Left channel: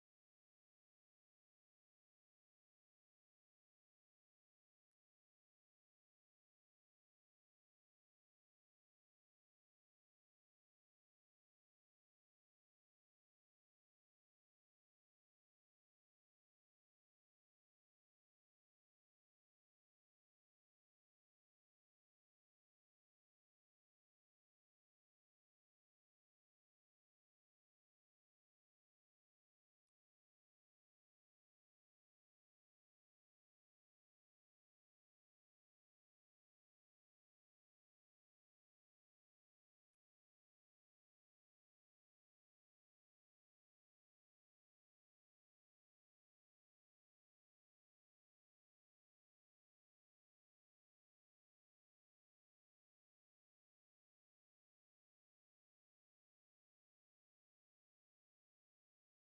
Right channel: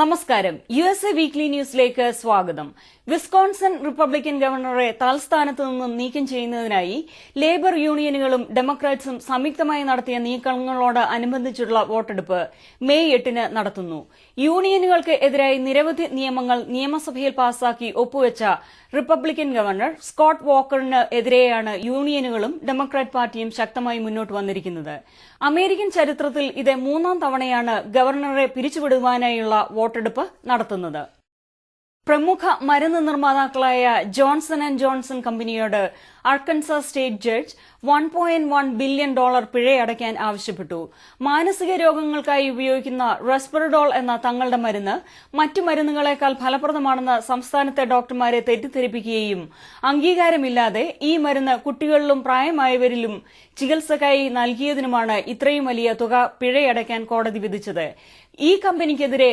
നമസ്കാരം. USA weekly ന്യൂസിലേക്ക് സ്വാഗതം. വിസ്കോൺസൺ റിപ്പബ്ലിക്കൻ ഗവർണറെ തൽസ്ഥാനത്ത് നിന്നും നീക്കം ചെയ്യുന്നതിനായി ലേബർ യൂണിയനുകളും ഡെമോക്രാറ്റ്സും സംയുക്തമായി നടത്തിയ നീക്കങ്ങളോട് അനുബന്ധിച്ചുള്ള വോട്ടെടുപ്പ് മെയ് 8-ന് നടത്തുന്നു. യൂണിയനുകൾക്ക് എതിരായി നിരവധി നിയമങ്ങൾ നിയമസഭയിൽ പാസാക്കി ഒപ്പുവെച്ച റിപ്പബ്ലിക്കൻ ഗവർണർ സ്കോട്ട് വോക്കറിന് എതിരെയാണ് യൂണിയനുകളും ഡെമോക്രാറ്റ് പാർട്ടിയും ശക്തമായി മുന്നോട്ട് വന്നിരിക്കുന്നത്. അമേരിക്കൻ ചരിത്രത്തിൽ ഇത് 3-ാം തവണയാണ് ഗവർണറെ പിരിച്ചുവിടുവാനായുള്ള വോട്ടെടുപ്പ് നടത്തുന്നത്. പ്രമുഖ മരുന്ന് നിർമ്മാതാക്കളായ ജോൺസൺ ആൻഡ് ജോൺസൺ കമ്പനിയോട് അർക്കൻസാസ് സ്റ്റേറ്റ് ജഡ്ജ് $1.1 ബില്യൺ പിഴയടയ്ക്കാൻ ആവശ്യപ്പെട്ടു. മാനസിക രോഗങ്ങൾക്കായി ഉപയോഗിക്കുന്ന റെസ്പെറഡോൾ എന്ന തങ്ങളുടെ മരുന്ന് മറ്റു മരുന്നുകളെക്കാൾ ഫലപ്രദമാണെന്ന് സംസ്ഥാനത്തെ ഡോക്ടർമാരെ തെറ്റിദ്ധരിപ്പിക്കുകയും അംഗീകാരമില്ലാതെ ഈ മരുന്ന് കുട്ടികളിലും പ്രായമായവരിലും ചികിത്സക്കായി നൽകിയതിനുമാണ് ഇത്രയും വലിയ തുക പിഴയടയ്ക്കാൻ കോടതി വിധിച്ചത്. ഈ കമ്പനിക്കെതിരെ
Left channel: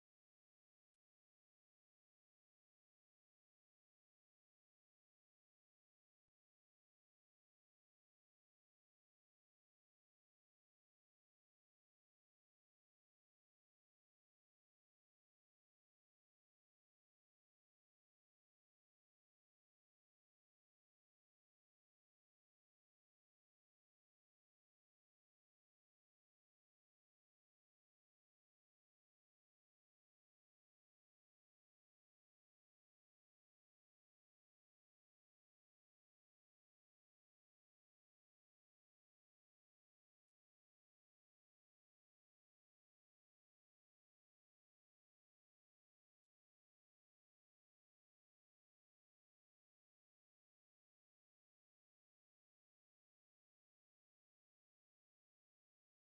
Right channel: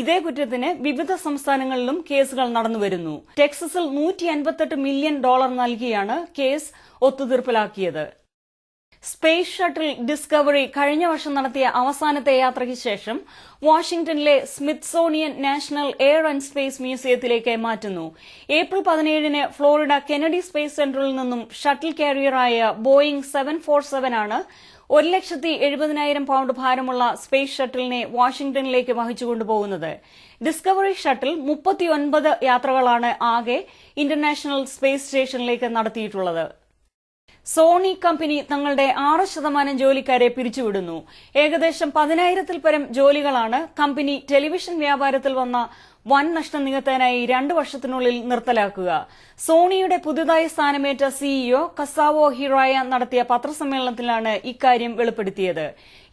ഇതേ കുറ്റത്തിന് വിവിധ സംസ്ഥാനങ്ങളിലും കേസുകൾ നടന്നുവരുന്നു. ടെക്സസിൽ $158 മില്യൺ നൽകിയാണ് കേസ് ഒത്തുതീർപ്പിലാക്കിയത്. സ്പേസ് ഷട്ടിൽ ഡിസ്കവറി കഴിഞ്ഞ വർഷം നടത്തിയ അവസാനത്തെ യാത്രയ്ക്ക് ശേഷം വാഷിംഗ്ടണിലെ Smithsonian national air and space മ്യൂസിയത്തിലേക്ക് മാറ്റുന്നു. ഏപ്രിൽ 17-ന് ഫ്ലോറിഡ കെനഡി സ്പേസ് സെന്ററിൽ നിന്നും ഷട്ടിൽ കാരിയറായ ബോയിംഗ് 747 ആണ് 1,70,000 പൗണ്ട് ഭാരമുള്ള സ്പേസ് ഷട്ടിലിനെ വാഷിംഗ്ടണിലേക്ക് വഹിച്ചുകൊണ്ടുപോകുന്നത്. ഡിസ്കവറി ഷട്ടിൽ 39 യാത്രകളാണ് ആകെ ഇന്റർനാഷണൽ സ്പേസ് സ്റ്റേഷനിലേക്ക് നടത്തിയിട്ടുള്ളത്. സോണി കമ്പനി തങ്ങളുടെ 6% ജോലിക്കാരെ പിരിച്ചുവിടുന്നു. ഏകദേശം 10,000-ൽ പരം ജോലികളാണ് കമ്പനി ടെലിവിഷൻ വ്യാപാരത്തിൽ വന്ന വൻ നഷ്ടം നികത്താനായി 2 വർഷത്തിനുള്ളിൽ നിർത്തലാക്കുക. സോണിയുടെ പുതുതായി സ്ഥാനമേറ്റ സിഇഒ കസാവോ ഹിറായ നടത്തിയ പത്രസമ്മേളനത്തിലാണ് ഇക്കാര്യം വെളിപ്പെടുത്തിയത്.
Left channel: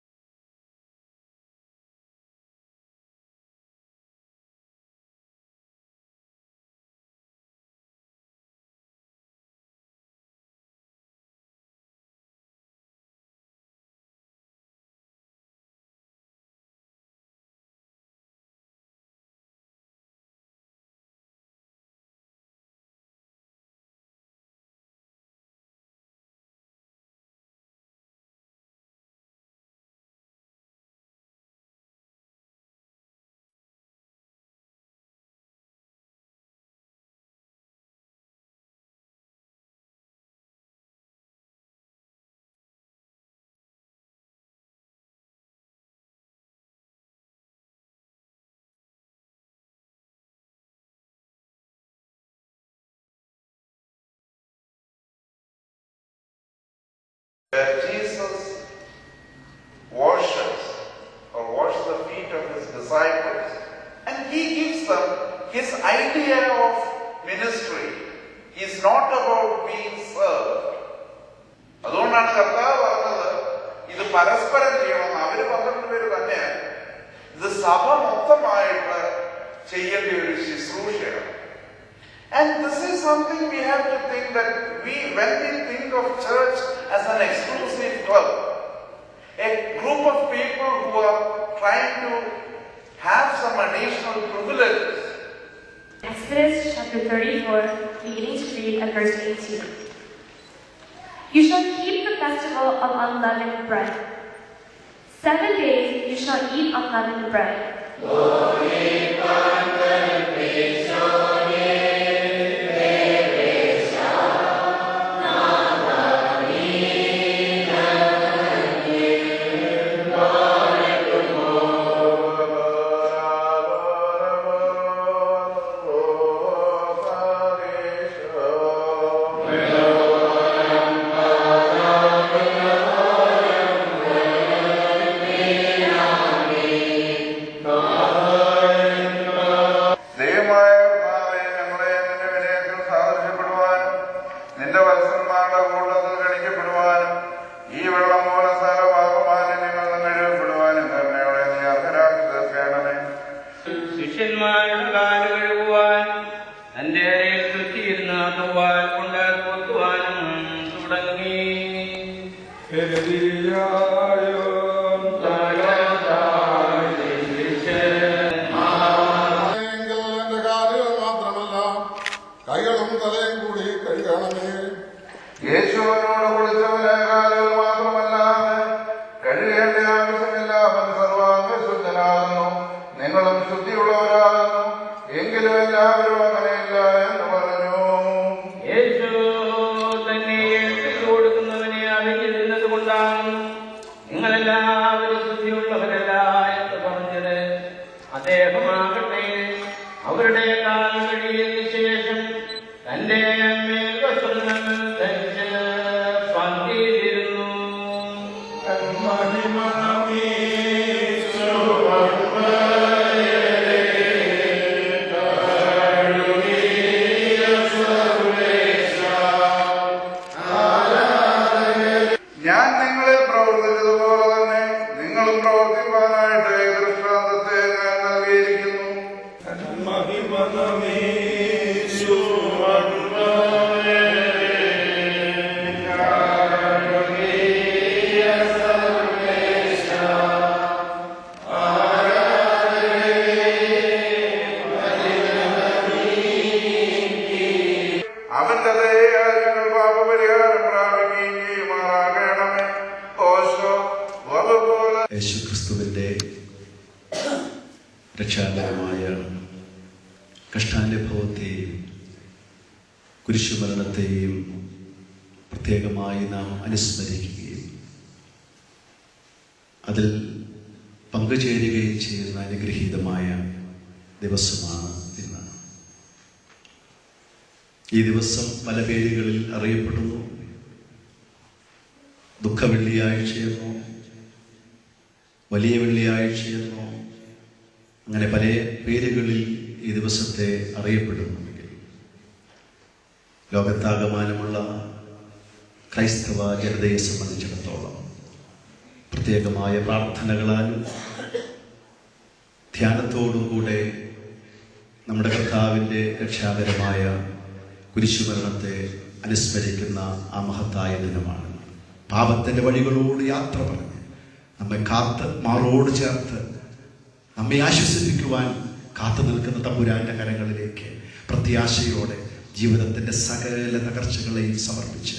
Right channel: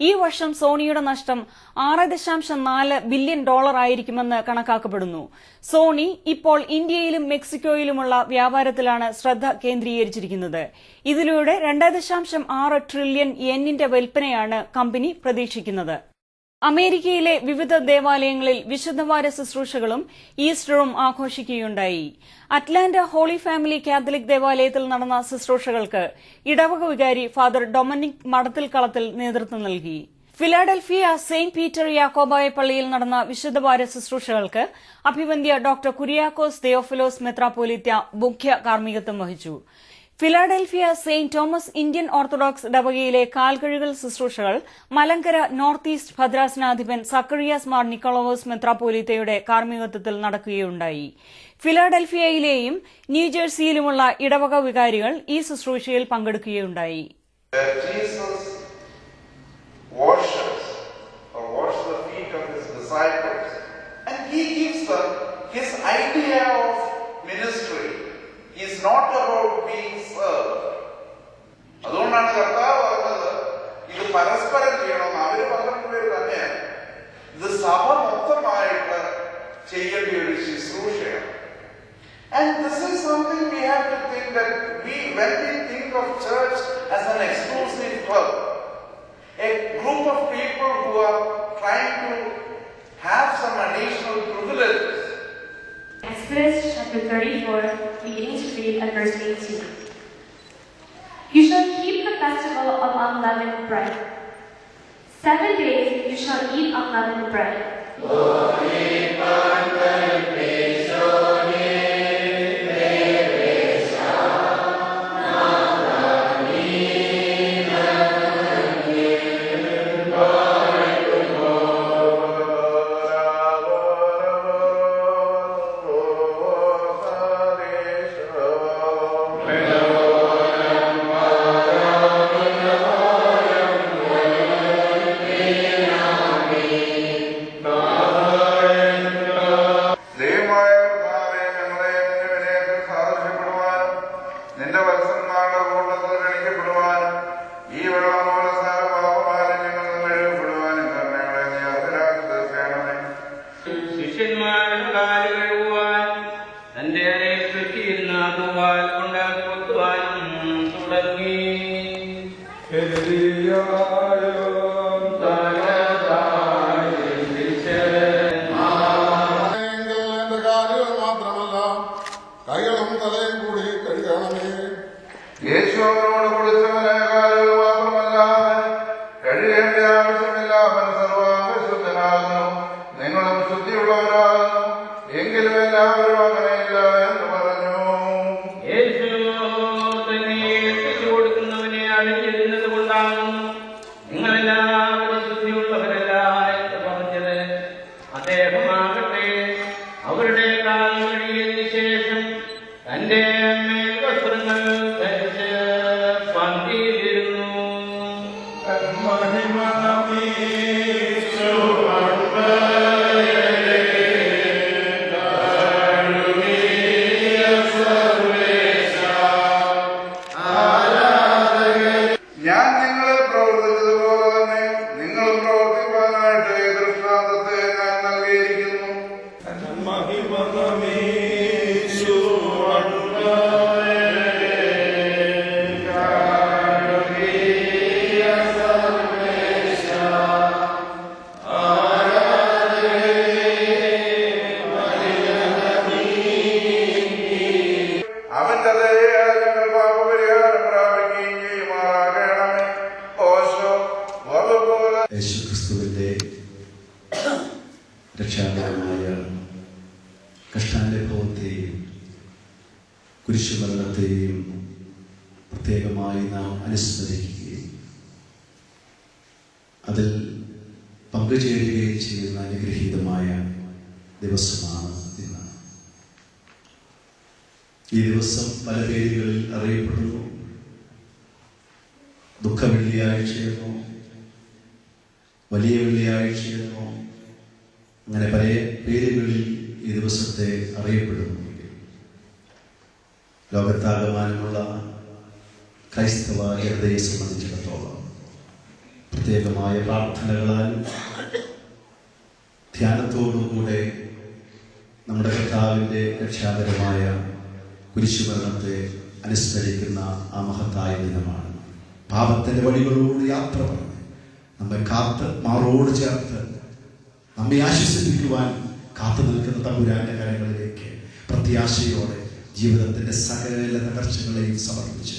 ഈ വർഷം സോണിയുടെ നഷ്ടം $6.4 ബില്യൺ ആയിരിക്കുമെന്ന് കണക്കാക്കപ്പെടുന്നു. സോണി ഇപ്പോൾ ഇന്ത്യയിലും മെക്സിക്കോയിലുമുള്ള വ്യാപാരത്തിലാണ് ശ്രദ്ധ കേന്ദ്രീകരിച്ചിരിക്കുന്നത്. ഇതിലൂടെ 2.6 ട്രില്യൺ യെന്നിന്റെ വിൽപ്പനയാണ് കമ്പനി പ്രതീക്ഷിക്കുന്നത്. അമേരിക്കയിലെ വിവിധ ദേവാലയങ്ങളിൽ വിശുദ്ധവാര ശുശ്രൂഷകളും ഈസ്റ്ററും ആഘോഷിക്കുകയുണ്ടായി. അറ്റ്ലാന്റ ഹോളി ഫാമിലി കാത്തലിക് ദേവാലയത്തിൽ നടന്ന ശുശ്രൂഷകൾക്ക് ഇടവക വികാരി ഫാദർ ഡൊമനിക് മടത്തിൽക്കളത്തിൽ നേതൃത്വം നൽകി. ഫിലാഡൽഫിയ സെയിന്റ് പീറ്റർ യാക്കോബായ പള്ളിയിൽ നടന്ന വിശുദ്ധവാര ശുശ്രൂഷകൾക്ക് അഭിവന്ദ്യ ഡോക്ടർ കുര്യാക്കോസ് തെയോഫിലോസ് മെത്രാപ്പോലീത്ത മുഖ്യ കാർമ്മികത്വം വഹിച്ചു. Philadelphia Saint Thomas Indian Orthodox ഇടവകയിലെ കാൽകഴുകൽ ശുശ്രൂഷകൾ മലങ്കര നോർത്ത് ഈസ്റ്റ് ഭദ്രാസനാധിപൻ സക്കറിയാസ് മാർ നിക്കോളോസ് മെത്രാപ്പോലീത്തയുടെ കാർമ്മികത്വത്തിൽ നടക്കുകയുണ്ടായി. ഫിലാഡൽഫിയയിലെയും ന്യൂജേഴ്സിയിലുമുള്ള ഇടവക വികാരികൾ ഈ ശുശ്രൂഷയിൽ പങ്കെടുക്കുകയുണ്ടായി. is not about being served. അതുകൊണ്ടാണ് കർത്താവ് പറഞ്ഞത് ഇത് പരസ്പരം ചെയ്യണം. അവര് 12 പേര് തന്നെയാണ്. ഇത് സഭ മൊത്തമായിട്ട് ചെയ്യേണ്ട ഒരു ശുശ്രൂഷയാണ്. And this is something we have to think that when we think of church as an exclusive club, a group of people who are trying to have some additional privileges. Exodus chapter 34, beginning to read at verse 18. You shall keep the festival of unleavened bread. 7 days you shall eat unleavened bread. യേശുവിനോട് കുളിച്ചവനെ കാലുകൾ മാത്രമല്ലാതെ കഴിയേണ്ട ആവശ്യമില്ല. അവൻ സർവാംഗ ശുദ്ധനാകുന്നു. നിങ്ങൾ നിങ്ങളും ശുദ്ധിയുള്ളവരാകുന്നു, എങ്കിലും എല്ലാവരും അങ്ങനെയല്ല എന്ന് പറഞ്ഞു. യേശു തന്നെ ഏൽപ്പിച്ചു കൊടുക്കുന്നവനെ അറിഞ്ഞിരുന്നത് കൊണ്ടാകുന്നു നിങ്ങളെല്ലാവരും ശുദ്ധിയുള്ളവരല്ല എന്ന് പറഞ്ഞത്. അദ്ദേഹമാകട്ടെ അവരുടെ കാൽ കഴുകിയതിനു ശേഷം തന്റെ മേൽവസ്ത്രങ്ങൾ ധരിച്ച് പന്തിയിലിരുന്നു. ഞാൻ നിങ്ങളിൽ പ്രവർത്തിച്ചതുപോലെ തന്നെ നിങ്ങളും പ്രവർത്തിക്കാനായിട്ട് ദൃഷ്ടാന്തത്തെ ഞാൻ നൽകിയിരിക്കുന്നു. അവന്റെ ദയയാൽ ഞങ്ങൾ പാപപരിഹാരം പ്രാപിക്കുകയും ചെയ്യുമാറാകണമേ. ഓശോ വലുപോലെ യേശുക്രിസ്തുവിന്റെ രക്ഷാകരമായ കഷ്ടാനുഭവത്തെയും കുരിശുമരണത്തെയും പ്രത്യേകമായി നാം അനുസ്മരിക്കുകയും അതിൽ പങ്കുചേരുകയും ചെയ്യുന്ന അനുഗ്രഹീതമായ ദിവസമാണ് ഇന്ന്. ഈ ദിവസം പല പേരുകളിൽ അറിയപ്പെടുന്നു. ദുഃഖവെള്ളിയാഴ്ചയെന്നോ വലിയ വെള്ളിയാഴ്ചയെന്നോ അങ്ങനെ പല പേരുകളിൽ ഈ ദിവസത്തെ അറിയപ്പെടുന്നു. ലോകത്താകമാനമുള്ള ക്രൈസ്തവ ജനതയെ സംബന്ധിച്ചിടത്തോളം പ്രത്യേകമായ പ്രാർത്ഥനകളാലും ധ്യാനത്തോടുകൂടെ നമ്മുടെ കർത്താവിൻ്റെ രക്ഷാകരമായ കുരിശുമരണത്തെ അനുസ്മരിക്കുന്ന ആ മഹത്തായ ദിനമാണ്. പാപത്തിൻ്റെ വഴികളോട് യാത്ര പറഞ്ഞ് നമ്മെ കാത്ത് മാറോട് ചേർത്ത് നമ്മെ ആശ്വസിപ്പിക്കുവാൻ കാത്തു നിൽക്കുന്ന തമ്പുരാന്റെ കരങ്ങളിലേക്ക് പ്രത്യാശയോടെ ജീവിതത്തിന്റെ സകല തകർച്ചകളെയും സമർപ്പിച്ച്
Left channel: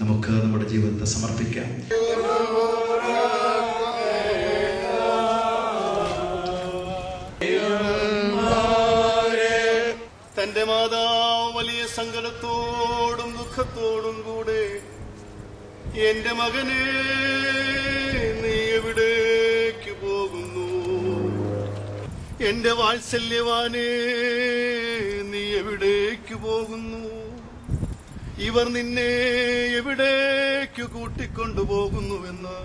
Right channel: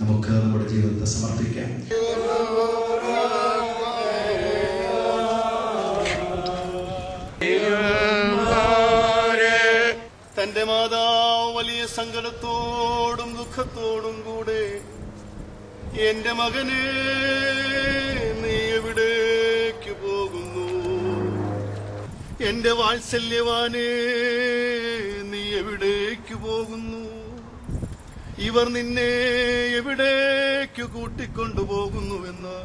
നമുക്ക് നമ്മുടെ ജീവിതത്തെ സമർപ്പിക്കാം. തന്റെ മാതാവ് വലിയ സങ്കടത്തോടും ദുഃഖത്തോടും കൂടെ എന്റെ മകനെ നീ എവിടേക്ക് പോകുന്നു, എന്റെ വാത്സല്യവാനെ നീ എവിടേക്ക് പോകുന്നു, ഇവർ നിന്നെ എവിടേക്ക് കൂട്ടിക്കൊണ്ടുപോകുന്നുവെന്ന്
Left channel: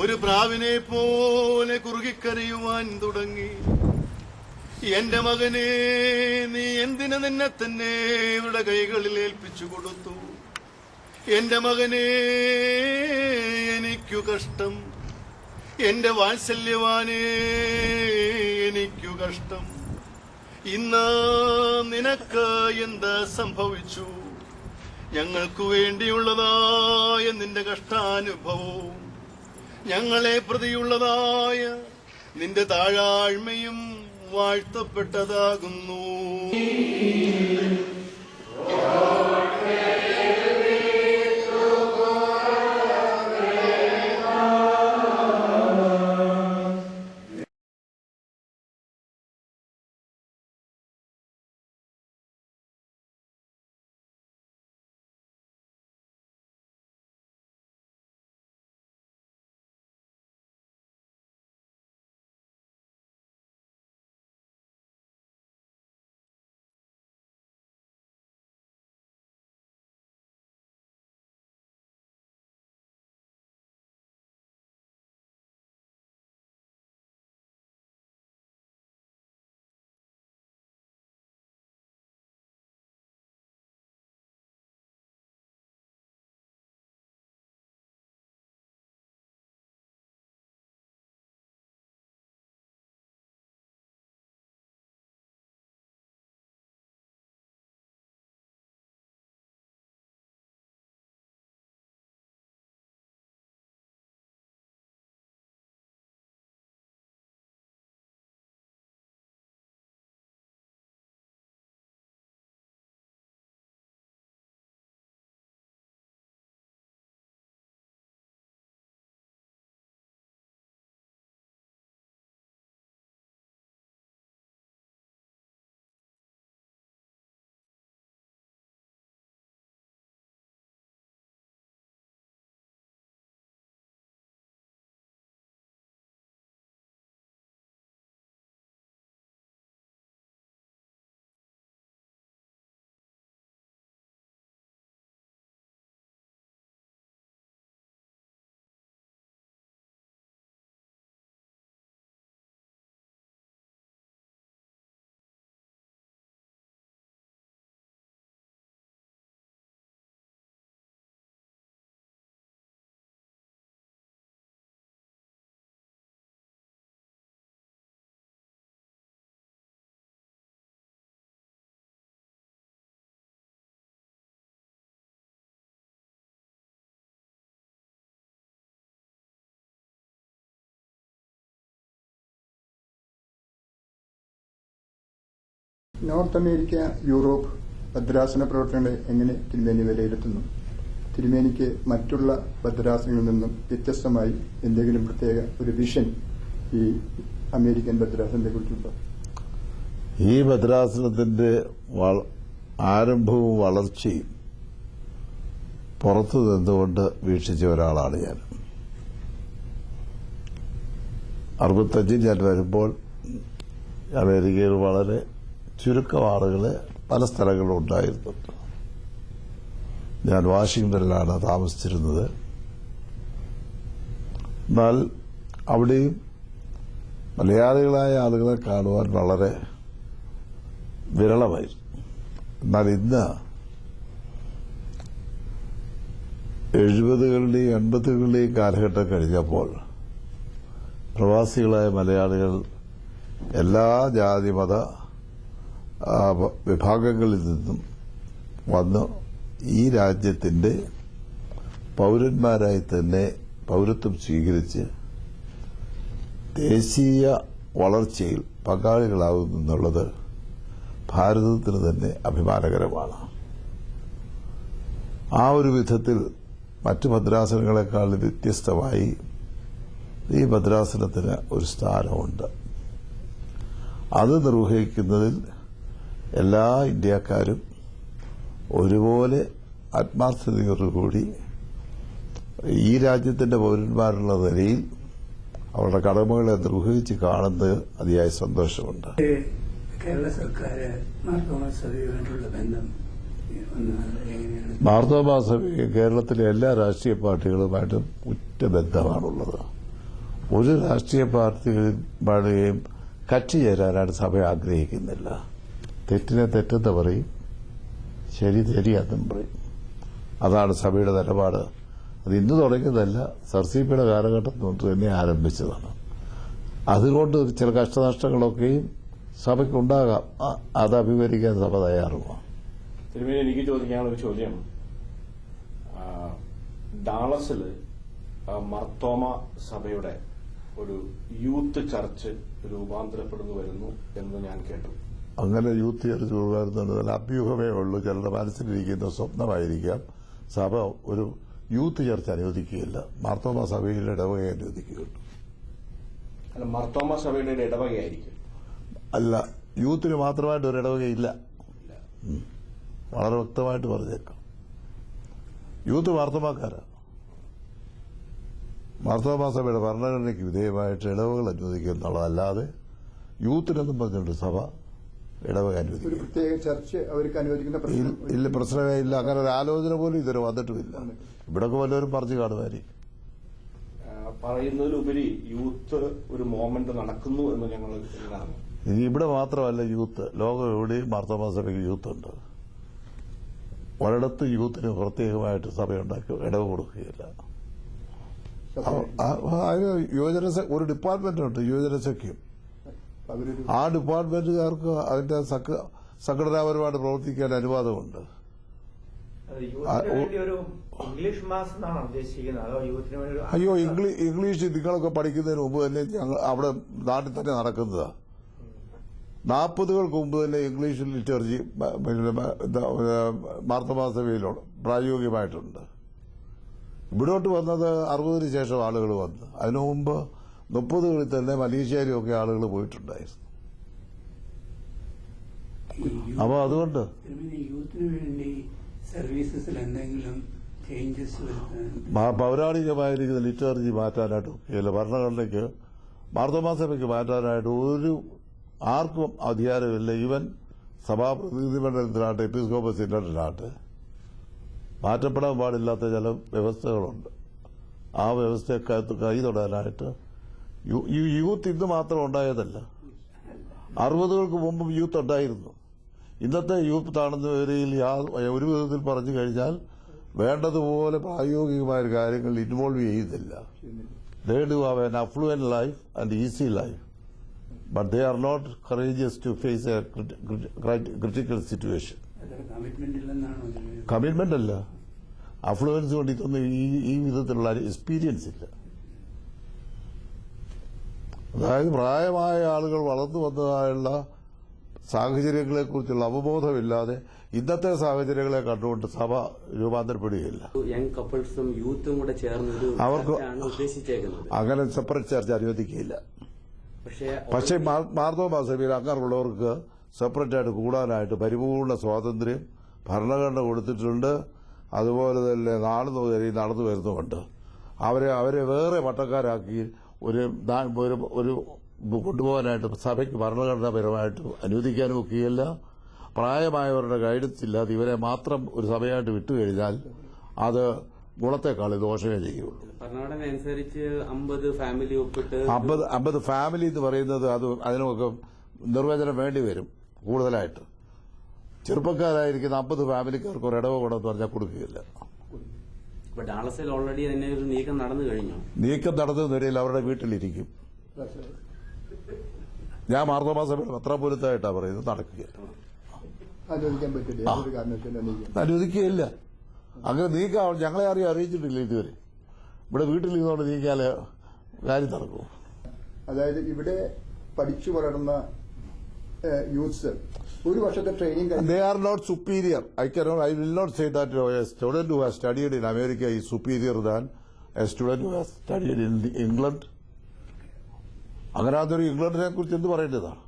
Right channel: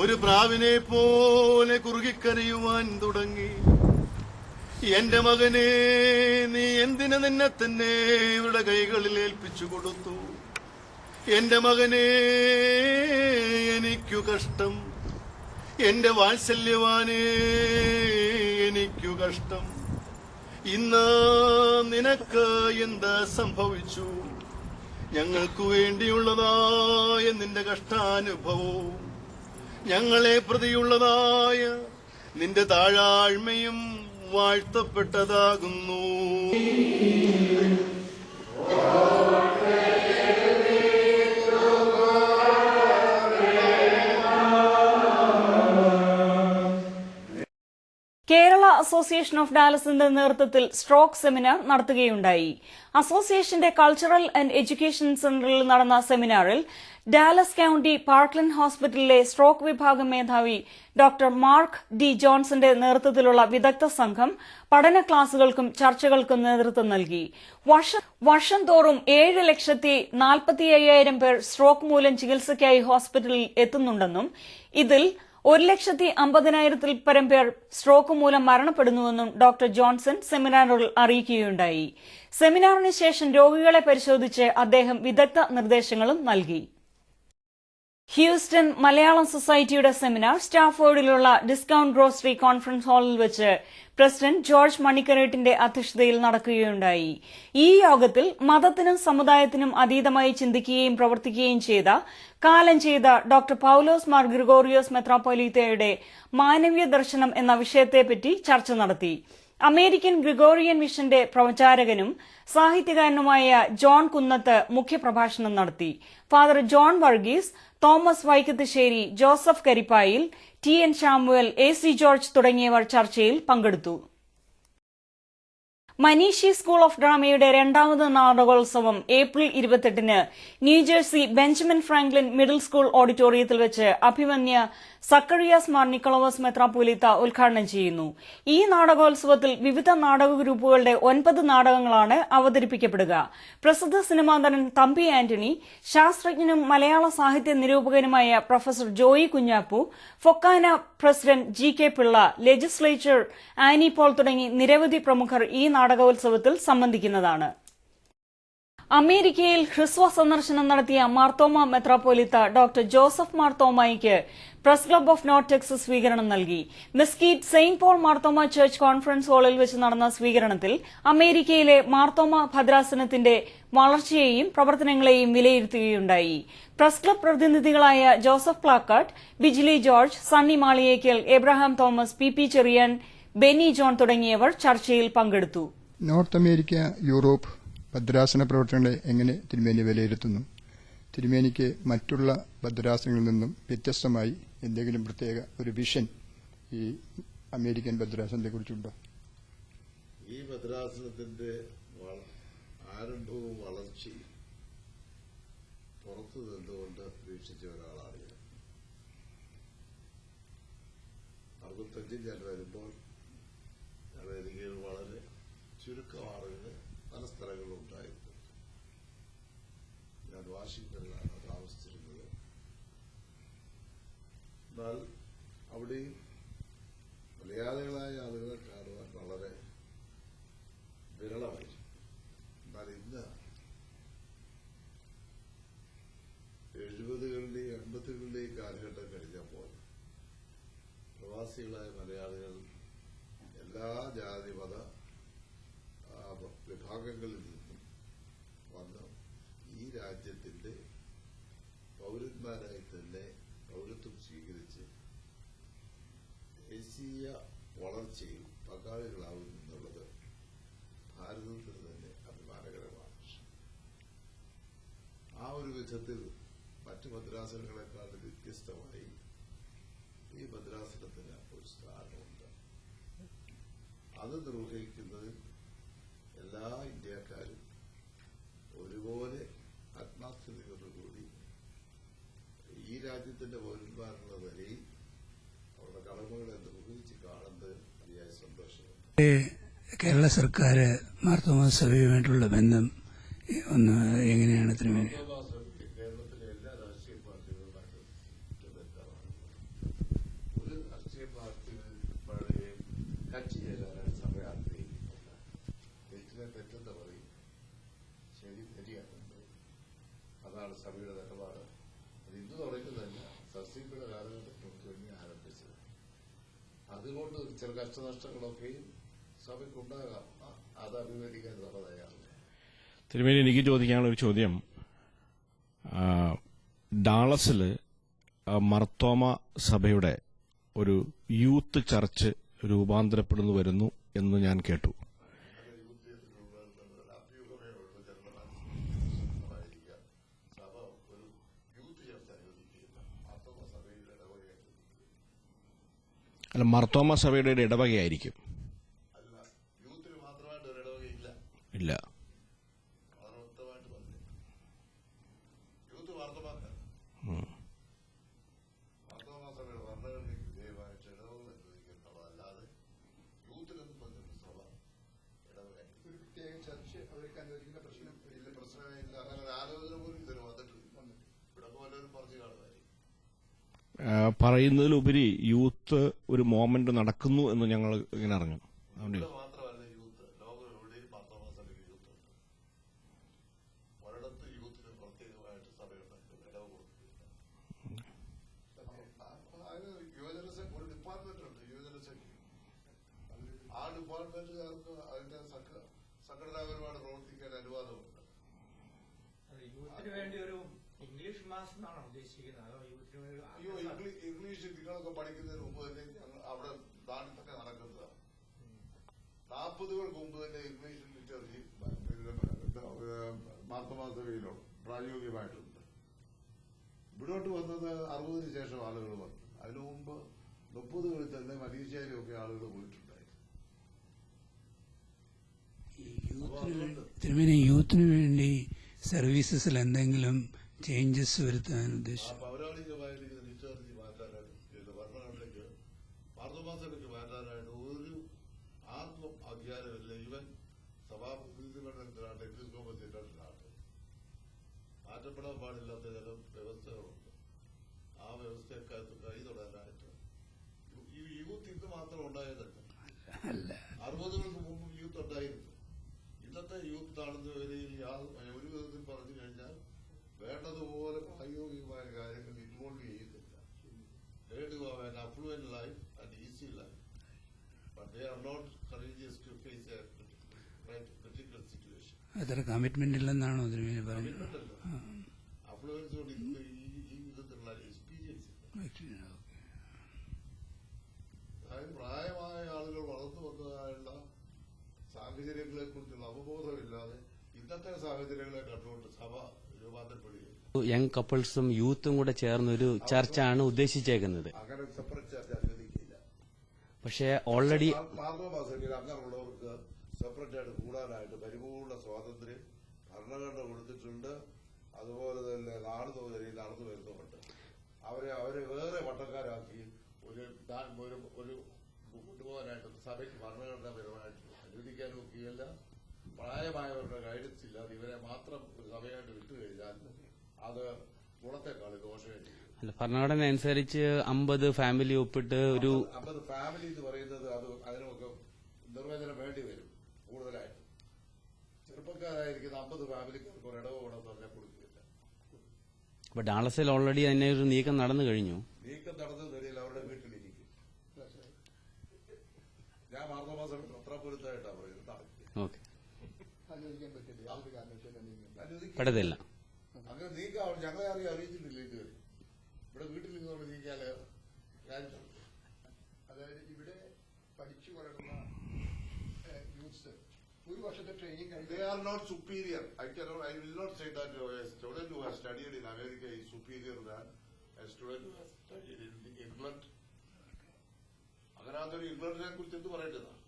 ഒരു പ്രാവിനെ പോലെ കുറുകിക്കരയുവാൻ തുടങ്ങി. എന്റെ മകനെ നീ എന്തിന് നിന്നെ തന്നെ ഇവരുടെ കൈകളിൽ ഏൽപ്പിച്ചു കൊടുത്തു? എന്റെ മകനെ എനിക്കു കഷ്ടം, എന്റെ വാത്സല്യവാനെ എനിക്കു കഷ്ടം. ഇന്ന് നിനക്ക് എന്താ സംഭവിച്ചു? ഞങ്ങൾക്കു വേണ്ടിയുള്ളതായ നിന്റെ കഷ്ടാനുഭവവും ഞങ്ങളെ പ്രതിയുള്ളതായ നിന്റെ താഴാഴ്മയും വാഴ്ത്തപ്പെട്ടതാകുന്നു. കേരള അസോസിയേഷൻ ഓഫ് ഡയാലിസിന്റെ നേതൃത്വത്തിൽ സ്ട്രോക്ക് സെമിനാർ നടത്തുകയുണ്ടായി. അസോസിയേഷന്റെ കൾച്ചറൽ ആൻഡ് എഡ്യൂക്കേഷൻ സെന്ററിൽ നടന്ന സെമിനാറിൽ ഡാലസ് കൌണ്ടി പാർക്ക്ലൻഡ് ഹോസ്പിറ്റലിലെ സ്ട്രോക്ക് വിഭാഗം മേധാവി ഡോക്ടർ മാർക്ക് ഡി ജോൺസന്റെ നേതൃത്വത്തിലുള്ള വിദഗ്ധ സംഘം പഠന ക്ലാസുകൾക്കും ചർച്ചകൾക്കും നേതൃത്വം നൽകി. വർഷം തോറും 7,45,000 പേർ സ്ട്രോക്ക് മൂലം ചികിത്സയ്ക്കായി ഹോസ്പിറ്റലിൽ എത്തുന്നുണ്ടെന്നും ഇതിൽ 1,50,000 പരം പേർ സ്ട്രോക്ക് മൂലം മരണപ്പെടുന്നുവെന്നും ഡോക്ടർ ജോൺസൺ സെമിനാറിൽ അറിയിക്കുകയുണ്ടായി. സെമിനാറിന് ശേഷം രോഗികളെ പരിശോധിച്ച് അദ്ദേഹം വിദഗ്ധ നിർദ്ദേശങ്ങളും നൽകി. ഹ്യൂസ്റ്റൺ മലയാളം സൊസൈറ്റിയുടെ സെമിനാർ സ്റ്റാഫോർഡിലുള്ള ഡിസ്കൌണ്ട് ഗ്രോസറി കോൺഫറൻസ് ഹാളിൽ വെച്ച് പ്രസിഡന്റ് ജോർജ് മണിക്കരേട്ടിന്റെ അധ്യക്ഷതയിൽ നടക്കുകയുണ്ടായി. ഈ യോഗത്തിൽ മതത്തിനും സമുദായത്തിനും അതീതമായി ചിന്തിക്കുകയും പ്രവർത്തിക്കുകയും കാലം ചെയ്ത ഡോക്ടർ പൌലോസ് മാർ ഗ്രിഗോറിയോസ് മെത്രാപ്പൊലീത്തയുടെ മാനവീയ ദർശനം എന്ന വിഷയത്തെപ്പറ്റി ചർച്ച നടത്തി. അമേരിക്കൻ ഗ്രിഗോറിയൻ മിഷന്റെ പ്രചാരകനും സാഹിത്യകാരനുമായ ജോൺ കുന്നത്ത് മുഖ്യപ്രഭാഷണം നടത്തി. Father John Varghese, Thomas Vaikathusseri, Joseph Karippayil, TN Samuel, AC George തുടങ്ങിയവർ ചർച്ചയിൽ പങ്കെടുത്തു. മനീഷി സ്കൂൾ ഓഫ് ഡ്രാമയുടെ രണ്ടാമത് നാടകോത്സവം ഏപ്രിൽ 28-ന് New Jersey Benjamin Franklin middle school ഓഡിറ്റോറിയത്തിൽ വെച്ച് അഭിമന്യ സക്കറിയാസ് മാർ നിക്കോളവസ് മെത്രാപ്പോലീത്ത ഉദ്ഘാടനം ചെയ്യുന്നു. ഈ നാടകോത്സവത്തിൽ വിവിധ നാടക ഗ്രൂപ്പുകളുടെ 9 നാടകങ്ങളാണ് അവതരിപ്പിക്കപ്പെടുക. പ്രസിദ്ധ സിനിമാ നടൻ തമ്പി ആന്റണി, ശാസ്ത്രജ്ഞനും മലയാള സാഹിത്യ നിരൂപകനുമായ professor Joy Kunjappu, Fokana president GK Pillai, legislature Annie Paul തുടങ്ങി നിരവധി പ്രമുഖർ ഈ നാടകോത്സവത്തിൽ സംബന്ധിക്കുന്നതാണ്. അമേരിക്കയിൽ ഹ്രസ്വ സന്ദർശനം നടത്തിയ മാർത്തോമ മെത്രാപ്പോലീത്ത ഡോക്ടർ ജോസഫ് മാർത്തോമായിക്ക് press club of north Texas സ്വീകരണം നൽകി. Mesquite Saint Paul Marthoma church conference ഹാളിൽ വെച്ച് നടന്ന സ്വീകരണത്തിൽ അമേരിക്കയിലെ മാർത്തോമ ഭദ്രാസനത്തിന്റെ വളർച്ചയെയും പ്രവർത്തനങ്ങളെയും വിലയിരുത്തുകയുണ്ടായി. പ്രസ് ക്ലബ് പ്രതിനിധികളായ Joseph Plakkattu, Bijili George, Sunny Maliyekkal, Abraham Thomas, PP Cherian, Benny John തുടങ്ങിയവർ ചർച്ചയിൽ പങ്കെടുത്തു. നോർത്ത് അമേരിക്ക, യൂറോപ്പ് ഭദ്രാസന പ്രവർത്തനങ്ങളെ എങ്ങനെ തിരുമേനി വിലയിരുത്തുന്നു? തിരുമേനിക്ക് മറ്റുള്ള ഭദ്രാസനങ്ങളിൽ നിന്നും വ്യത്യസ്തമായി എന്തെങ്കിലും പ്രത്യേക ഒരു വിഷൻ ഈ അമേരിക്കൻ ഭദ്രാസനത്തെ കുറിച്ചുണ്ടോ? ഈ ഭദ്രാസനത്തിന്റെ ആരംഭവും വളർച്ചയും പുറത്തു നിന്നുകൊണ്ട് വീക്ഷിച്ച ഒരാളാണ് ഞാൻ. 65 ഞാൻ വരുമ്പോൾ അമേരിക്കയിൽ വളരെ ചുരുക്കം ആളുകളെ പല സ്ഥലങ്ങളിലും ഉണ്ടായിരുന്നുണ്ട്. ഞാൻ വാഷിംഗ്ടണിലാണ് താമസിച്ചിരുന്നത്. എന്നാൽ അവിടെയും മലയാളികളായ ആളുകളെ കാണുവാൻ വളരെ വിരളമായിരുന്നു. എന്നാൽ ഇന്ന് 70കളുടെയും 80കളുടെയും കാലഘട്ടം കഴിഞ്ഞപ്പോൾ പ്രവാസികളായ മലയാളികൾ എല്ലാ ജാതി മത വിഭാഗങ്ങളിൽ നിന്നും വന്ന് ഈ രാജ്യത്തിന്റെ പൗരന്മാരായി തന്നെ പൗരത്വം സ്വീകരിച്ച് ദേശീയ വളർച്ചയിൽ പങ്കാളികളാകുന്നു എന്നുള്ളത് ഭാരതത്തിന് തന്നെ അഭിമാനകരമാണ്. ആ ഒരു വിധത്തിൽ മറ്റു ഭദ്രാസനങ്ങളെക്കാൾ വ്യത്യസ്തമായി ഈ ഭദ്രാസനത്തിന് ഒരു സ്ഥാനമുണ്ട്. അത് നിർവഹിക്കുന്നതിൽ എല്ലാ ഇന്ത്യക്കാരും ഒരുപോലെ ആത്മാർത്ഥതയോടുകൂടി ഈ രാജ്യത്തിന്റെ പൗരന്മാരുള്ള നിലയിൽ അവരുടെ കടമകളെ നിർവഹിച്ച് കാണുന്നത് അതിയായ സന്തോഷമുണ്ട്. കേരള സർക്കാർ മാർത്തോമാ സഭയുമായിട്ടുള്ള ബന്ധം എങ്ങനെയാണ്? മാർത്തോമാ സഭ കേരളത്തിലെ എല്ലാ രാഷ്ട്രീയ പാർട്ടികളുമായിട്ടും ഉറ്റ ബന്ധമാണുള്ളത്. ഒരു രാഷ്ട്രീയ പാർട്ടികളുടെയും കക്ഷി ചേരാനാണ് സഭ ആഗ്രഹിക്കുന്നില്ല. തെറ്റിനെ തെറ്റെന്ന് പറയും, ശരി ശരിയാണെന്നും പറയും. അതാണ് സഭയുടെ നിലപാട്. അത് ഇന്ന് തുടങ്ങിയതല്ല, സർസിപിയുടെ കാലഘട്ടത്തിൽ തൊട്ട് തന്നെ ആരംഭിച്ചതാണ്. അതുകൊണ്ട് ചില കഷ്ടനഷ്ടങ്ങളൊക്കെയും സഭയ്ക്കുണ്ടാകാം. അത് അഭിമുഖീകരിക്കാൻ സഭ തയ്യാറുമാണ്. തിരുമേനി, എനിക്ക് ചോദിക്കാനുള്ള ഒരു ചോദ്യം, ഡാളസിൽ മർത്തോമ സഭയുടെ ഒരു യൂത്ത് ചർച്ച് രൂപാന്തരപ്പെടുന്നു വരുന്നു എന്ന് ഞാൻ കേട്ടു. അങ്ങനെ യൂത്ത് ചർച്ച് രൂപാന്തരം അഭ്യൂഹമേ ഉള്ളൂ. ചിലരുടെ മനസ്സിലിരിക്കുന്ന സ്വപ്നമായിരിക്കാം. സഭ ഒരു യൂത്ത് ചർച്ച് അനുവദിക്കുകയില്ല. മാർത്തോമ സഭയുടെ ഇടവക അനുവദിക്കുകയുള്ളൂ. അല്ല, മർത്തോമ സഭയുടെ ഇടവകയായിരിക്കും. അല്ല, യൂത്തിന് മാത്രമായിട്ട് ഒരു ഇടവകയില്ല. ഇല്ല, വളരെ വ്യക്തമായിട്ട് പറഞ്ഞേക്കാം. യൂത്ത് മാർത്തോമാക്കാരാ. മാർത്തോമാ സഭയുടെ ഭരണഘടനയ്ക്ക് വിധേയമായിട്ട് ഇടവകൾ അനുവദിക്കുക എന്നുള്ളതല്ലാതെ യൂത്തിനെന്നും പറഞ്ഞുകൊണ്ട് സഭ ഇടവക അനുവദിക്കും. പ്രത്യേക ചർച്ച അവർക്ക് അനുവദിക്കുന്ന ഇല്ല, പ്രശ്നമേ ഇല്ല. അങ്ങനെ ഒരു ആലോചന പോലും ഇതുവരെ വന്നിട്ടുമില്ല. ഇവിടൊക്കെ വല്ലവരും പറഞ്ഞു കാണുമായിരിക്കും. പറയുന്നതിലുപരി യൂത്ത് ഒരു മോമെന്റ് നടക്കുന്നു എന്ന് ഞങ്ങൾ ഇങ്ങനെ അറിഞ്ഞു. ഇനി ഇവിടെ മാത്രമല്ല യൂത്ത്, ലോകം എവിടെയും മാർത്തോമാ സഭയ്ക്ക് യൂത്തുണ്ട്. ഒരിടത്ത് യൂത്തിന് പ്രത്യേകമായിട്ട് സഭയുണ്ടാക്കി ഇടവ് കൊടുക്കുകയില്ല. അതിന് ഒരു ഡിപ്പാർട്ട്മെന്റ് ഉണ്ട്, യുവജനസഖ്യം. ആ ഡിപ്പാർട്ട്മെന്റുകാർക്ക് അതിന്റെ സംഘടനാപരമായിട്ട് പ്രവർത്തിക്കാൻ അനുവാദമുണ്ട്. അയ്യോ, ഇംഗ്ലീഷ് നിങ്ങളൊക്കെ പഠിക്കുന്നതിന് മുമ്പ് തന്നെ ഞങ്ങൾ അവിടെ നാട്ടിൽ തന്നെ നടക്കുന്നതാ. 40കൾക്ക് മുമ്പ് തന്നെ ഇംഗ്ലീഷ് ലിറ്ററേച്ചി മാർത്തോമാ സഭയിലുണ്ട്, പ്രായോഗികമായിട്ടുണ്ട്. ഇവിടോട്ട് വന്നത് 60-ന് ശേഷം ആളുകൾ വന്നു. അതിനു മുമ്പ് 30കളിൽ തന്നെ മലേഷ്യയിലും ഒക്കെ ആളുകൾ പോയിട്ടുണ്ടായിരുന്നു. അപ്പോൾ അതുകൊണ്ട് തിരുമേനി യൂത്തിന് വേണ്ടി സർവീസസിൽ എന്തെങ്കിലും ചേഞ്ചസ് വരുത്താൻ പൗരാണികമായിരിക്കുന്ന ലിറ്റർജി മാറ്റാനായിട്ട് ഒക്കെയല്ല. ഭരണഘടനയ്ക്ക് മാർത്തോമാ സഭയ്ക്ക് മാറ്റാനായിട്ട് ആർക്കും അധികാരമില്ല. ഈവൻ സഭാപ്രതിനിധിമണ്ഡലത്തിനാട്ടെ എപ്പിസ്കോപ്പൽ സിനഡിനാട്ടെ മാറ്റപ്പെടാൻ പാടില്ലാത്ത ചില വ്യവസ്ഥകളുണ്ട്. ആ വ്യവസ്ഥയൊക്കെ കൈ തൊടാനായിട്ട് യൂത്ത് ഇന്ന് മാത്രം ഉണ്ടായതല്ല, 60കൾക്ക് മുമ്പും യൂത്ത് ഉണ്ടായിരുന്നു. ഇന്നത്തെ യൂത്ത് ആണെന്ന നിലയിൽ ഒരു വിധത്തിൽ പറഞ്ഞു കഴിഞ്ഞാൽ വേണ്ടതുപോലെ പ്രായോഗികമായ കാര്യങ്ങൾ ഇൻവോൾവ് ചെയ്യുന്നില്ല. They do have an affluent life and easy life, but they are not courageous to face a critical situation. അത്ര കമ്മിറ്റ്മെന്റ് ഇല്ലെന്നാണോ? കമ്മിറ്റ്മെന്റ് അല്ല, അഫ്ലുവൻസ് കൊണ്ട് ഇതൊന്നും ഈ വിധത്തിലുള്ള എക്സ്പീരിയൻസ് ഇല്ല. അതായത് പ്രായമായ ആളുകൾ വളർന്നു വന്നതായുള്ള സാഹചര്യങ്ങളെക്കുറിച്ചുള്ള അവബോധമില്ലാതെ ഇന്നത്തെ സാഹചര്യങ്ങളെ കണ്ടുകൊണ്ട് സഭ രൂപാന്തരപ്പെടുകയില്ല. യങ് കപ്പിൾസും യൂത്തും കൂടെ ചേർന്നൊരു ചർച്ചയാണ് ഉദ്ദേശിച്ചേക്കുന്നത്. അങ്ങനെ സെപ്പറേറ്റ് ചർച്ച അനുവദിക്കുകയില്ല. പക്ഷേ മാർത്തോമാ സഭയിൽ അങ്ങനെയുള്ളവർക്ക് സെപ്പറേറ്റ് ആയിട്ട് കൂടാനായിട്ട് പരിപൂർണ സ്വാതന്ത്ര്യം ഭരണഘടന കൊടുത്തിട്ടുണ്ട്. അതുപോലെ തന്നെ നടന്നു വരുന്നുമുണ്ട്. അവരെ വേറെ പട്ടക്കാരാക്കി ഒരു കൊണ്ടുപോകാനായിട്ട് സഭയ്ക്ക് ഭരണഘടനാപരമായിട്ട് അനുവദിക്കാനും ഒക്കെയല്ല. പ്രായമായവരുടെ ഗൈഡൻസ് ഇല്ലാതെ ഇവരെ മാത്രം ഒരു സഭയായിട്ട് വിട്ടുകഴിഞ്ഞാൽ അത് ഗുണത്തെക്കാൾ ദോഷമേ ചെയ്യുള്ളൂ. ഭരണഘടന അനുസരിച്ച് 50 ഫാമിലി ഒപ്പിട്ട് 50 ഫാമിലി എന്ന് പറയുന്നത് അതിനൊക്കെ നിർവചനം വേണ്ടി വരും കൂടുതലായിട്ട്. ചെറുപ്പക്കാരായിരിക്കുന്ന 50 ഫാമിലിക്കാർക്ക് ഒരു ഇടവ ഗുണമെന്ന് പറഞ്ഞാൽ കൊടുക്കുകയില്ല. ഡാളസിൽ ഓൾറെഡി തന്നെ ഒരു നീക്കം നടന്നു കഴിഞ്ഞു. നീക്കം നടന്നതിനിടയിൽ അവരുടെ വീട്ടിലിരിക്കും. ഞാൻ മാർത്തോമാ സഭയുടെ പത്രാപൂരത്തായിട്ടാണ് പറയുന്നത്, നടക്കുക അനുവദിക്കുകയില്ല. അങ്ങനെ നീക്കം ഞങ്ങളെ അറിയിച്ചിട്ടില്ല ഇതുവരെ. ഇവിടെ വീട്ടിൽ നിന്നുകൊണ്ട് നീക്കിയാൽ കാര്യം നടക്കും. അതായത് ഇവിടെ പഠിച്ചു വളർന്ന യൂത്ത്സ് ഒരു വർഷത്തെ training. They are not superior. I will not say that a student who has studied in America is superior than a student who has studied in England. അങ്ങനെ അതൊരു ഇംഗ്ലണ്ടിനെ കുറിച്ച് എന്ത് പറയേണ്ടതാണ്?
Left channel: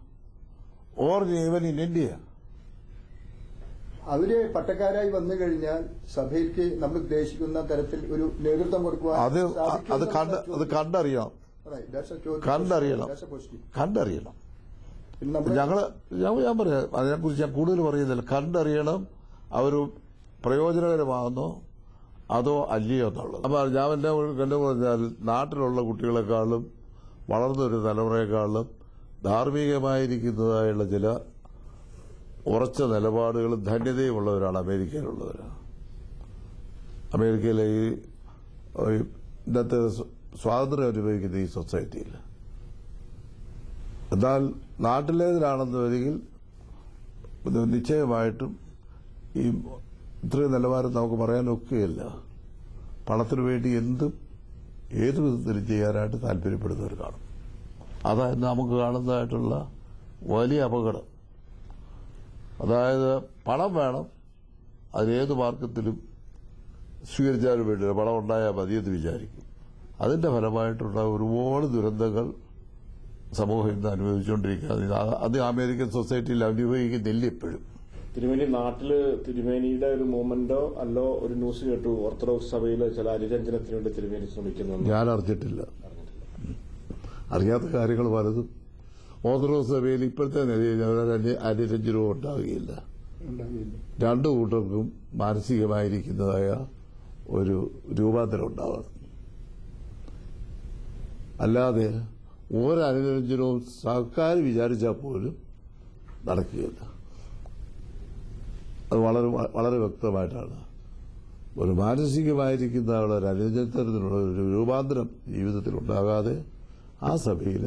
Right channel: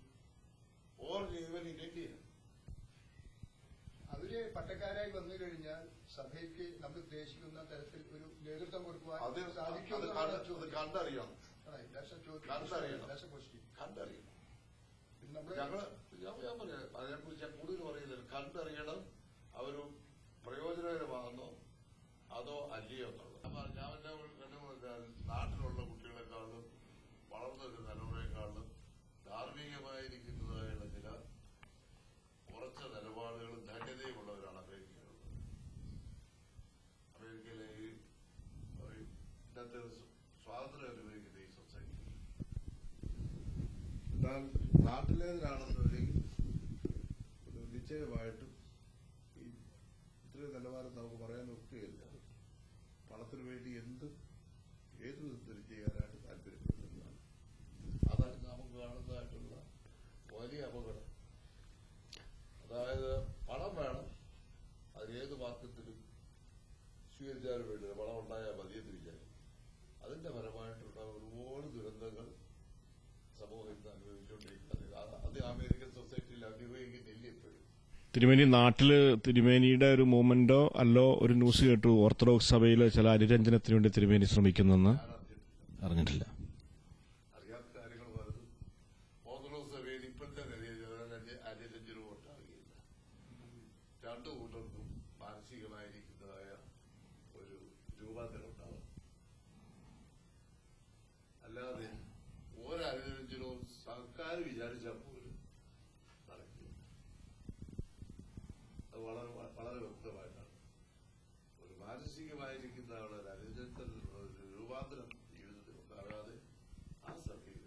Or even in India. അവര് പട്ടക്കാരായി വന്നു കഴിഞ്ഞാൽ സഭയ്ക്ക് നമ്മൾ ഉദ്ദേശിക്കുന്ന തരത്തിൽ ഒരു നേതൃത്വം കൊടുക്കുക. അത് കണ്ടറിയണം. ഞാൻ പറയാം, അതിനെക്കുറിച്ച് ഞാൻ കൂടുതൽ പറയുന്നില്ല. കണ്ടറിയണം അവർ പ്രയോജനകരമാകുന്നോ അതോ അല്ലയോ എന്നുള്ളത്. അപ്പൊ ഞാൻ എന്നെ പറഞ്ഞാൽ നാട്ടിലുള്ള കുട്ടികളെക്കാളും വളർന്നൊരു തലമുറയെക്കാളും ധാർമ്മികമായിരിക്കുന്നതായുള്ള ചില ഉറച്ച നിലപാടുകളും ധന്യതയുമുള്ളവരാണ് അമേരിക്കയിലുള്ളവരാണ്. അമേരിക്കയിലെ ഈ ഇന്നത്തെ സ്വാതന്ത്ര്യം അനുഭവിക്കുന്ന ഈ സൊസൈറ്റിയിൽ. എന്നാൽ നാട്ടിലേതിലാണെന്ന് വരികിൽ നിശ്ചയമായിട്ടും ഈ ഇത്രയും നിലവാരം നമുക്ക് പറയാനൊക്കുകയില്ല. പണത്തിനു വേണ്ടി ഏതു വിധത്തിലും ചെയ്യാനായിട്ട് താല്പര്യപ്പെടുന്നവർ കാണും. അതായത് നമുക്ക് കാണുന്നതായിട്ടുള്ള വലിയ അപകടം. അതായത് പണം വേണം, അതിനേത് മാർഗത്തിലും സ്വീകരിച്ചാലും വേണ്ടില്ല, പണം ഉണ്ടായാൽ മതിയെന്ന് വിചാരിക്കും. അതിന്റെ ഫലമായിട്ടുള്ള ഒരുപാട് ദുരന്തങ്ങൾ സമൂഹം ഇന്ന് അനുഭവിച്ചുകൊണ്ടിരിക്കുക. അത് അമേരിക്കൻ സൊസൈറ്റിയിൽ അനുഭവിക്കുന്നില്ല ഇപ്പോഴും. തിരുമേനി, നാട്ടില് തിരുമേനിയുടെ ഒരു മൂവ്മെന്റോ അല്ലോ ഒരു ന്യൂസ് കേട്ടു ഓർത്തഡോക്സ് സഭയിലെ ചില അനുരഞ്ജനത്തിന് വേണ്ടി തിരുമേനി ശ്രമിക്കുന്നെന്ന്. ഞാൻ അറിഞ്ഞിട്ടില്ല. അറിയാത്ത കാര്യങ്ങൾ പലതും. ഓർത്തഡോക്സ് സഭയിൽ ഇപ്പോഴത്തെ നിലയിൽ അനുരഞ്ജനവും ഉണ്ടാവുകയില്ല. രണ്ടു കൂട്ടർക്കും മാനസികമായിരിക്കുന്നതായ ഒരു രൂപാന്തരം ഉണ്ടാവണം. അല്ലാതെ ഒരനുരഞ്ജനവും സർക്കാർ വിചാരിച്ചാൽ പോലും നടക്കുകയില്ല. അത് വളരെ വളരെ വ്യക്തമായിട്ടാണ്. ഒരു മാനസികമായിരിക്കുന്ന ഒരു അനുരഞ്ജനത്തിനുള്ള ഒരു രൂപാന്തരം ജീവിതത്തിൽ ഉണ്ടാകാതെ ആ സഭയിൽ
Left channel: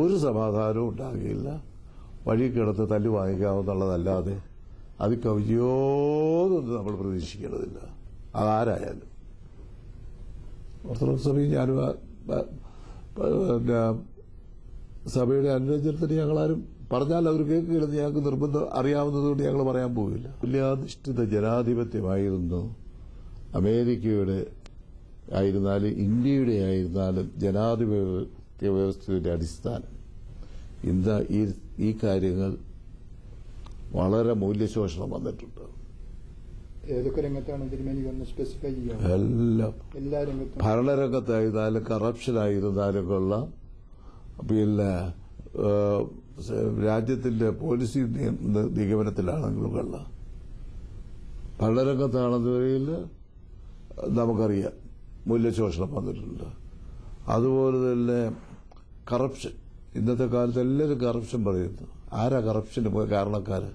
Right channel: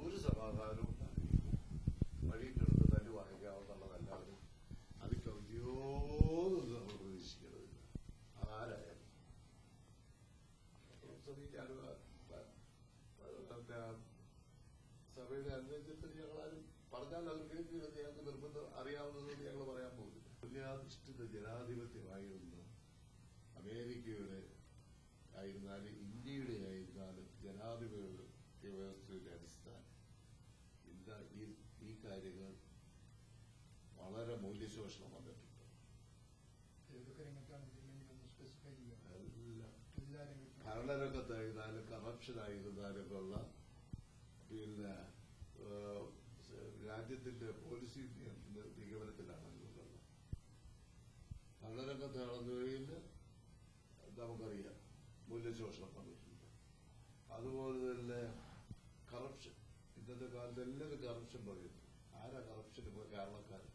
ഒരു സമാധാനവും ഉണ്ടാകുകയില്ല. വഴി കിടന്ന് തല്ലു വാങ്ങിക്കാവുന്നുള്ളതല്ലാതെ അത് കവിയോന്നൊന്നും നമ്മൾ പ്രതീക്ഷിക്കേണ്ടതില്ല. അതാരായാലും. ഓർത്തഡോക്സ് സഭയിൽ ഞാനും സഭയുടെ അനുരഞ്ജനത്തിന് ഞങ്ങളാരും പറഞ്ഞാൽ അവർ കേൾക്കുകയില്ലെന്ന് ഞങ്ങൾക്ക് നിർബന്ധം അറിയാവുന്നതുകൊണ്ട് ഞങ്ങൾ പറയാൻ പോവില്ല. മൂല്യാധിഷ്ഠിത ജനാധിപത്യമായിരുന്നു അമേരിക്കയുടെ ആയിരുന്നാലും ഇന്ത്യയുടെ ആയിരുന്നാലും ജനാധിപത്യ വ്യവസ്ഥയുടെ അടിസ്ഥാനം. ഇന്ന് ഈ കാര്യങ്ങൾ വളരെ മൂല്യശോഷണം വന്നിട്ടുണ്ട്. ഏതൊക്കെ രംഗത്താണ് തിരുമേനി ഒന്ന് സ്പെസിഫൈ ചെയ്യാം? എല്ലാ രംഗത്തും, ഭരണരംഗത്തായിരുന്നാലും കറപ്ഷനായിരുന്നാലും കൊള്ള, പിന്നെ രാജ്യത്തിന്റെ പോളിസി നിഗമനത്തിലാണെങ്കിലും കൊള്ള, ഭരണരംഗത്താണെന്നതിൽ നമുക്കറിയാം മൂല്യശോഷണം വന്നിട്ടുണ്ട്. അതുപോലെ തന്നെ കറപ്ഷൻ. ഇന്നത്തെ കാലത്ത് എല്ലാവരും കറപ്ഷൻ പറയുന്നു. ആരാ കറപ്ഷന് കാരണക്കാര്?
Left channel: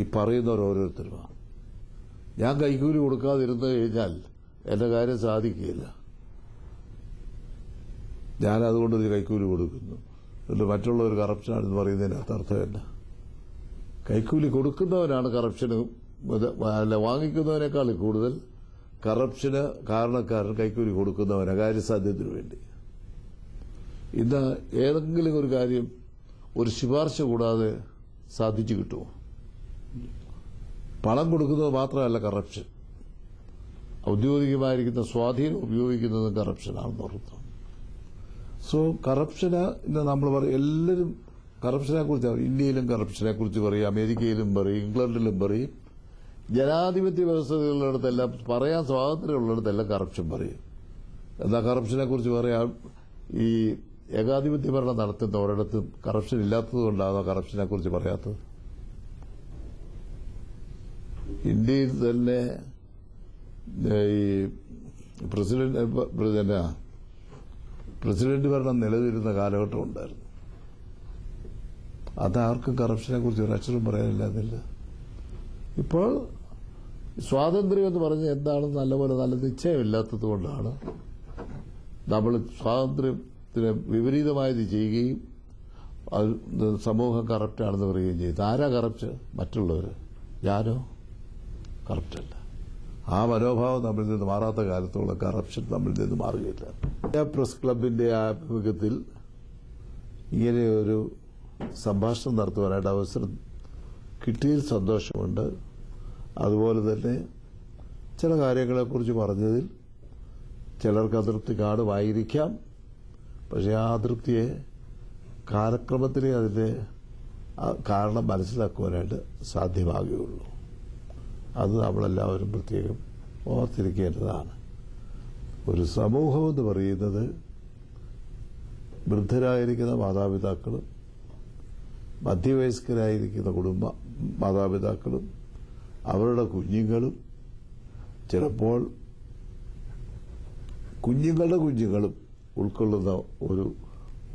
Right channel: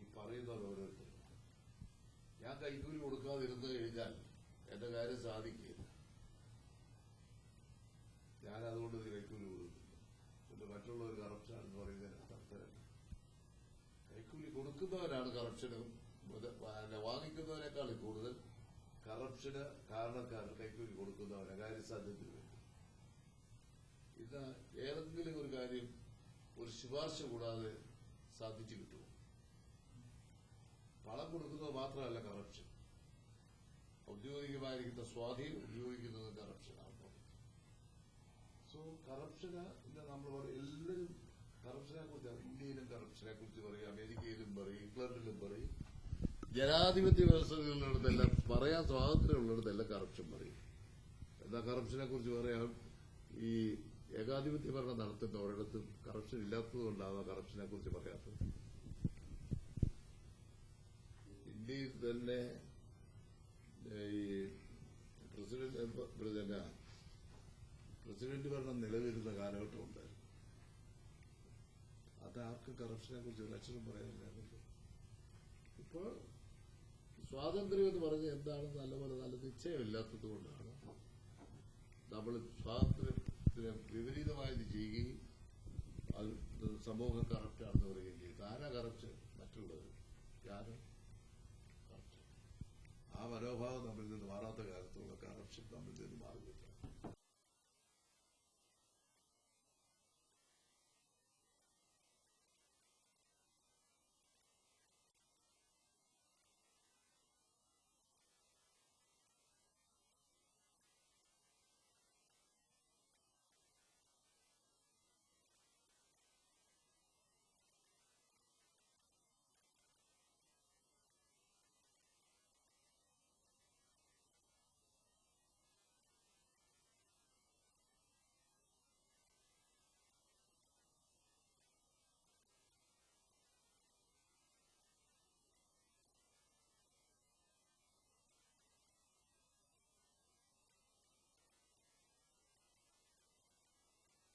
ഈ പറയുന്നവർ ഓരോരുത്തരുമാണ്. ഞാൻ കൈക്കൂലി കൊടുക്കാതിരുന്നു കഴിഞ്ഞാൽ എന്റെ കാര്യം സാധിക്കുകയില്ല. ഞാൻ അതുകൊണ്ട് ഒരു കൈക്കൂലി കൊടുക്കുന്നു. എന്നിട്ട് മറ്റുള്ളവർ കറപ്ഷനാണെന്ന് പറയുന്നതിനകത്ത് അർത്ഥമില്ല. കൈക്കൂലി കൊടുക്കുന്നവനാണ് കറപ്ഷന്, അല്ല വാങ്ങിക്കുന്നവനേക്കാൾ കൂടുതൽ കറപ്ഷന് കാരണക്കാരൻ കൈക്കൂലി കൊടുക്കുന്നവനാ കാര്യസാധ്യത്തിന് വേണ്ടി. ഇന്ന് ഏതെങ്കിലും ഒരു കാര്യം ഒരു ശുപാർശ കൂടാതെ സാധിച്ചു കിട്ടുമോ? പണം കൊടുക്കുന്നത് മാത്രമല്ല കറപ്ഷൻ, ഔദ്യോഗികമായിരിക്കുന്ന സ്വാധീനം ഉപയോഗിക്കുന്നതും കറപ്ഷനാണെന്ന് ഓർക്കുന്നു. സോ കറപ്ഷന് ഇന്ന് നമ്മൾ പറയും, എല്ലാവരും കറപ്ഷനെ കുറിച്ച്, ഇന്ത്യയിലും കറപ്ഷനെ കുറിച്ച് പറയും, അമേരിക്കയിലും പറയും, ഇംഗ്ലണ്ടിലും പറയും. ജനാധിപത്യ വ്യവസ്ഥകളിടത്തെല്ലാം പറയാൻ സ്വാതന്ത്ര്യമുള്ളിടത്തെല്ലാം കറപ്ഷൻ പറയും. എന്നാൽ കറപ്ഷനെ കുറിച്ച് പറയാം, ഈ ഏകാധിപത്യ ഭരണം നടത്തുന്ന ഒരിടത്തും കറപ്ഷൻ ഇല്ലാത്തത് കൊണ്ടാണ് കറപ്ഷനെ കുറിച്ച് പറയാത്തത്. ഇന്ത്യയിൽ തന്നെ ഈ പ്രസിഡന്റ് ഭരണം നിലനിരുന്ന കാലഘട്ടം ഉണ്ടായിരുന്നു. അതാർക്കും കറപ്ഷനെ കുറിച്ച് ഒരക്ഷരം പറയാനില്ലാതില്ല. ഇപ്പോൾ സ്വാതന്ത്ര്യം എന്ന് പറഞ്ഞാൽ എന്താണെന്ന് നല്ലപോലെ നല്ല നിശ്ചയമില്ലാത്തത് കൊണ്ടാണ് നമ്മൾ സ്വാതന്ത്ര്യത്തിന് വിപരീതമായത് ചെയ്യുകയും സമൂഹം കറപ്റ്റാണെന്ന് പറയുകയും ചെയ്തു. ആരാ കറപ്റ്റ്? മറ്റുള്ളവർ. ഞാനോ? കറപ്റ്റല്ല. ആ മനോഭാവം നമ്മളിൽ നിന്ന് മാറാത്ത കാലത്തോളം കറപ്ഷൻ നമ്മളിൽ നിന്ന് മാറുകയില്ല. പ്രസ് ക്ലബിന്റെ ആഭിമുഖ്യത്തിൽ ഇങ്ങനെ ഒരു സംഭാഷണം നടത്തുവാനായിട്ട് അവസരം കിട്ടിയതിൽ സന്തോഷമുണ്ട്. അതുപോലെ തന്നെ ചില കാര്യങ്ങളെക്കുറിച്ച് പറഞ്ഞതിൽ ചിലർക്ക് അതൃപ്തി കാണുമായിരിക്കാം. പക്ഷെ ആ അതൃപ്തിയെ കാലക്രമത്തിലേ അതിന്റെ കാരണം മനസ്സിലാക്കുവാനായിട്ട് സാധ്യമാകുകയുള്ളൂ. അത് നമ്മളെല്ലാവരും പ്രത്യേകം ഓർത്തിരിക്കേണ്ടതാണ്. ഒരു സമൂഹമെന്ന് പറയുന്നത് വൃദ്ധരായിരിക്കുന്ന മാതാപിതാക്കളും മധ്യവയസ്കരായിരിക്കുന്ന മാതാപിതാക്കളും അവരുടെ കുഞ്ഞുങ്ങളും ചിലപ്പോൾ കുഞ്ഞുങ്ങളുടെ കുഞ്ഞുങ്ങളും ഉൾക്കൊള്ളുന്ന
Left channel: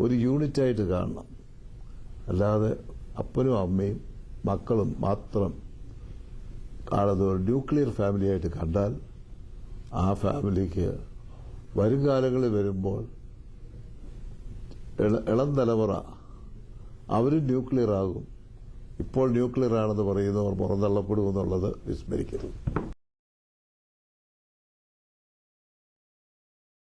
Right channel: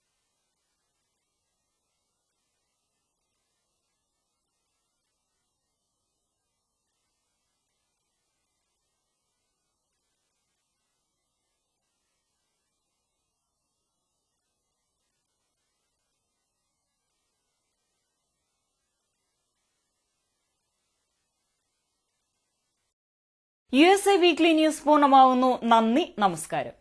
ഒരു യൂണിറ്റായിട്ട് കാണണം. അല്ലാതെ അപ്പനും അമ്മയും മക്കളും മാത്രം കാണുന്ന ഒരു ന്യൂക്ലിയർ ഫാമിലിയായിട്ട് കണ്ടാൽ ആ ഫാമിലിക്ക് വരും കാലങ്ങളിൽ വരുമ്പോൾ ഇളം തലമുറ അവരും ന്യൂക്ലിയർ ആകും. ഇപ്പോൾ ന്യൂക്ലിയർ ആണെന്ന് പറയുന്നവർ പുറന്തള്ളപ്പെടുമെന്നുള്ളത് വിസ്മരിക്കരുത്. USA വീക്ക്ലി ന്യൂസ് പൂർണ്ണമാവുന്നു. നന്ദി, നമസ്കാരം.